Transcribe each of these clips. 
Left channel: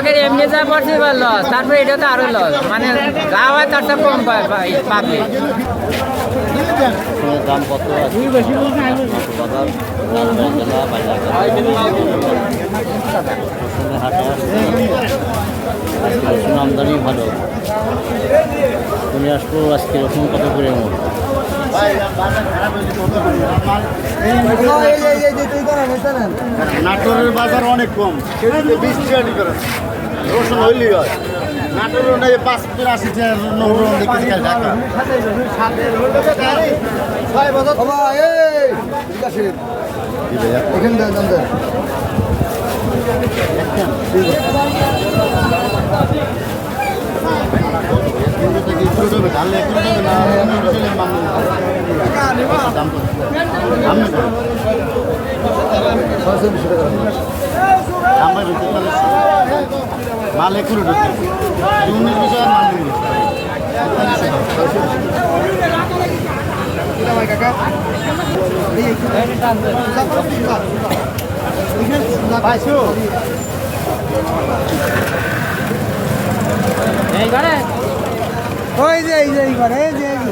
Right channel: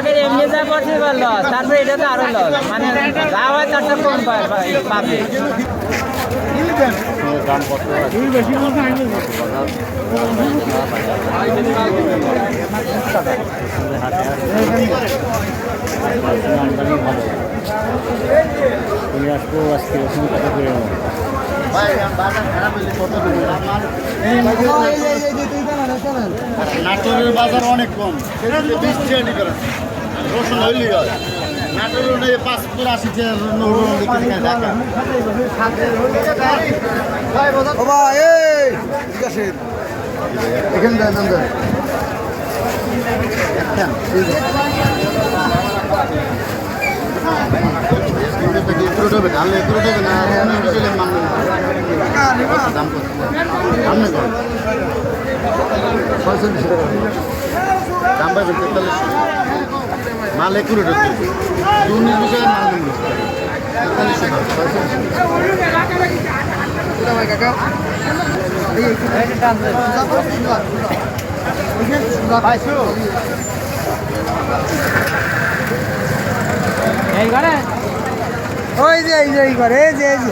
কৃষকের এমনি যা পড়ছে এবার লস তারপরে এটা তো আরও লস মানে যা হয় তার তো কম পাবে। দাম কত আছে? আসছে আমদানি ভালো। তুমি আসব আজকে রসুন কত করে নাটোরের বাজার অনেক কম। বিশ টাকা করে। রসুন হইলেই হয়। নাটোরের নেই পাঁচ করে আশি টাকা এখানে একখান দাম কত দাম না করে ছয়চল্লিশ টাকা দাম পাইবেন তেতাল্লিশশো মাল একুরোট হচ্ছে উনিশ বিশ টাকার নেব তেতাল্লিশশো দাম এই যে এইবার এই যে এই যে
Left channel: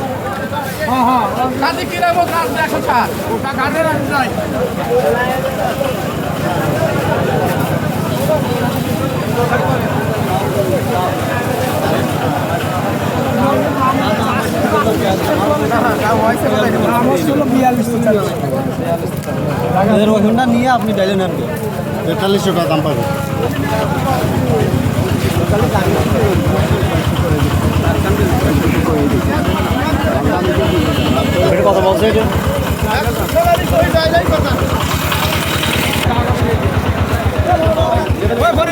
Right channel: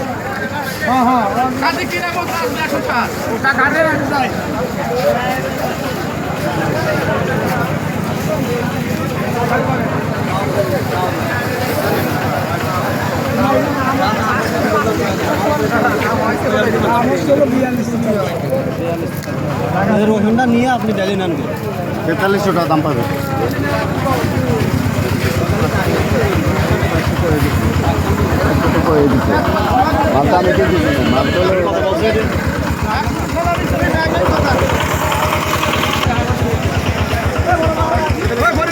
নিয়ে আপনি দিলেন আনবে তেতাল্লিশশো টাকা দাম পাবে। কথা বলছে যে?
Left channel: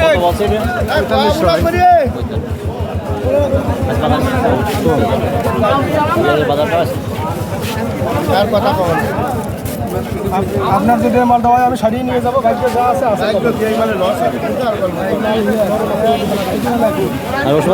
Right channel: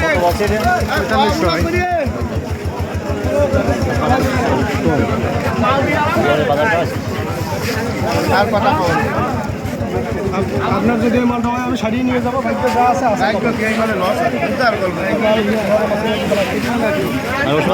কত বলছে যে? তেতাল্লিশশো বাজারটা আছে আর কথা পাবেন আপনার যদি মালটা হয় আমি সারিয়ে নিয়ে যাব। গাড়িতে যা আছে আছে। লস আছে আর করব আর ওষুধ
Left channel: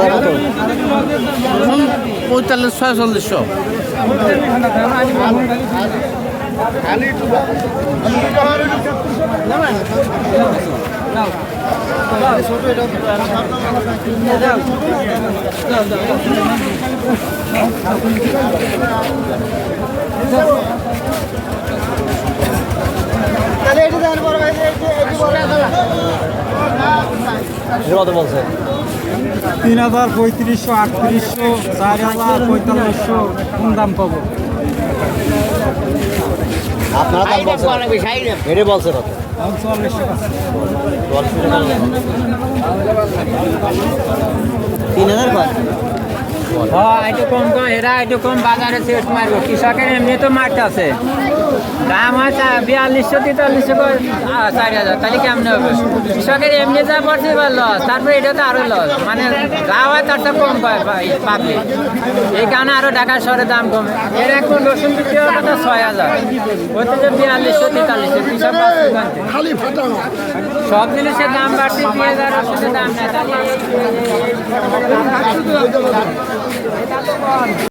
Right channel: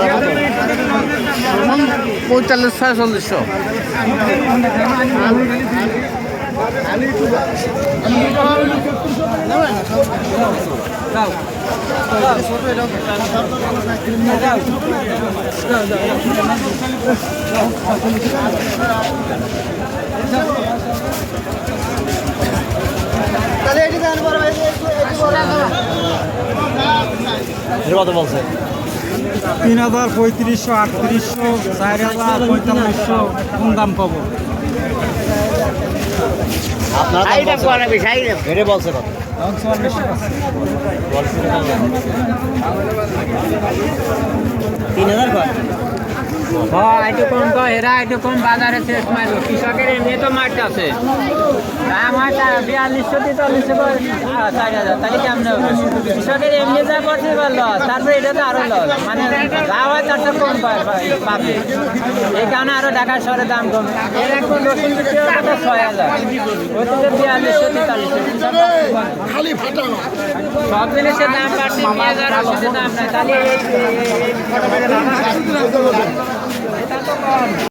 কত বলছে? তিন হাজার পঁয়ত্রিশশো আটত্রিশশো চার হাজার পঁয়তাল্লিশশো কোন দাম পাবো? আপনারা দাম? বলছে কত? তিন হাজার কয়? কম তো কম বাজারে শেষ মারবে। কৃষকের এমনি তো মাঠ আছে। বিয়াল্লিশশো তেতাল্লিশশো চার হাজার তাহলে কেমন হবে কৃষকের এমনি যা পড়ছে এবার লস তারপরে এটা তো আরও লস মানে যা হয় তার তো কম পাবে এই কারণে আরও ঢাকা শহরে দাম কমে এর এখন রসুন বিক্রি হওয়ার কথা ছয় হাজার হচ্ছে যে বিয়াল্লিশশো তেতাল্লিশশো কৃষক সব জিনিসের দাম বাড়ছে দাম না তাহলে এই ফটো করে